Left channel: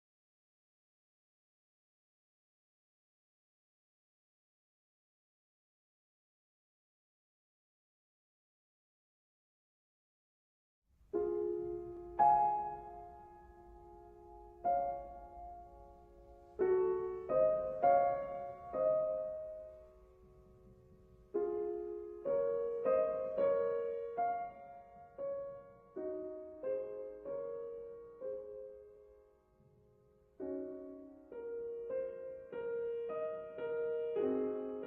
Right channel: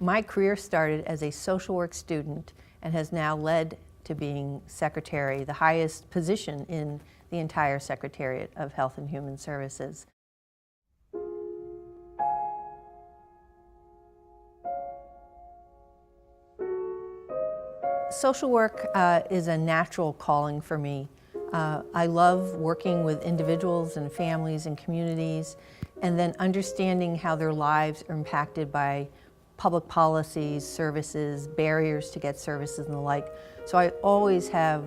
My career started as a social work student and has now led to being secretary, the highest position in the entire Secretariat of Health and Human Services. Social work is a natural calling for me. I love working with individuals and families and communities, and then understanding how their lives are impacted by public policies, services, barriers to get services and the like. So I always have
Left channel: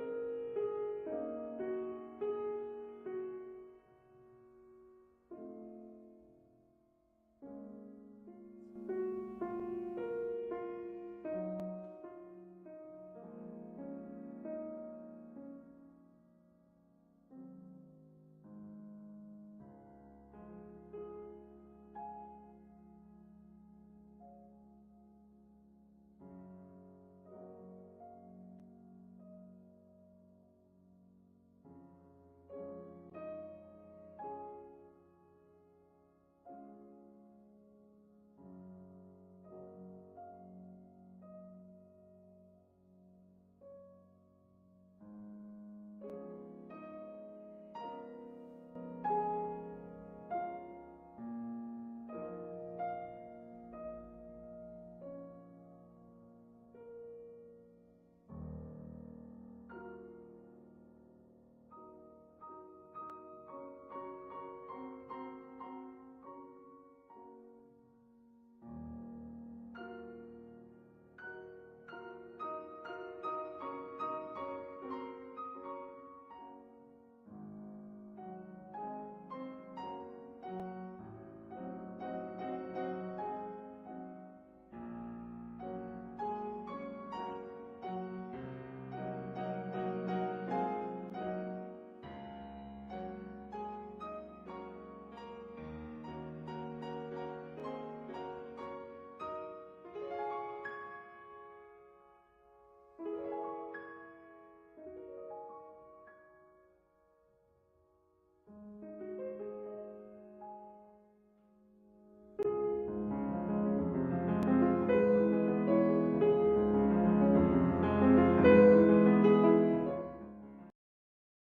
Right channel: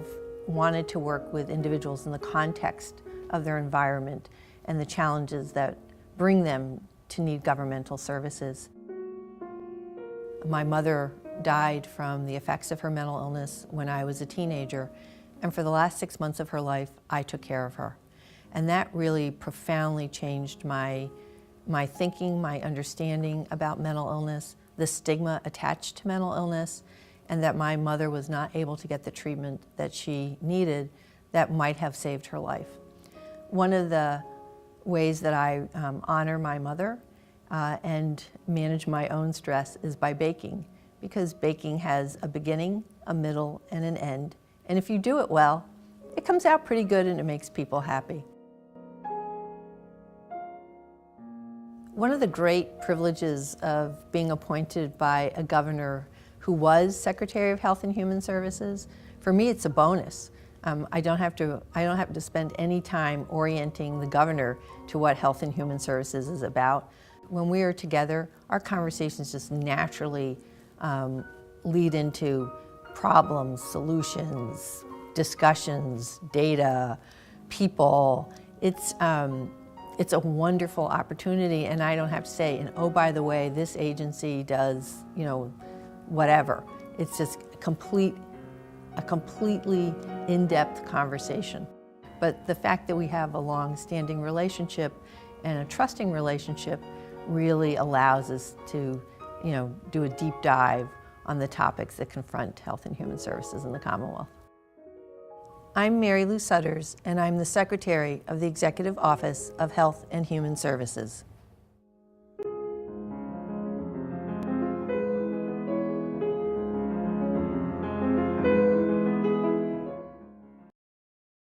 wanted to work with individuals in the context of their environment and the challenges that bring them to need governmental services. My mother died from the effects of her mental illness when I was a teenager, and for the last 6 months of her life, I took care of her. And that really profoundly changed my thinking, my understanding about mental illness, the stigma attached to mental illness, and that my mother was not able to get the treatment that she needed that might have saved her life. One of the ways that I honor my mother and manage my own stress is by baking, because baking has a beginning, a middle, and an end. And if you do it well, it comes out pretty good and it makes people happy. One of the great privileges of being appointed by a governor who was Secretary of Health and Human Services, for me it's a bonus. I don't have to spend any time orienting the governor to what Health and Human Services is about. When we are together, our conversations just naturally lead into problems, solutions, discussions, data, people. It's a wonderful opportunity, and I don't have to say, and oh, by the way, this agency does, whatever. It's just a completely in-depth conversation. But the fact that we have a long-standing relationship and a trusting relationship really allows us to, do a deep dive on the topics that confront health and human services in the Commonwealth. I'm Marylou Sudders, and I'm the Secretary of the Executive Office of Health and Human Services.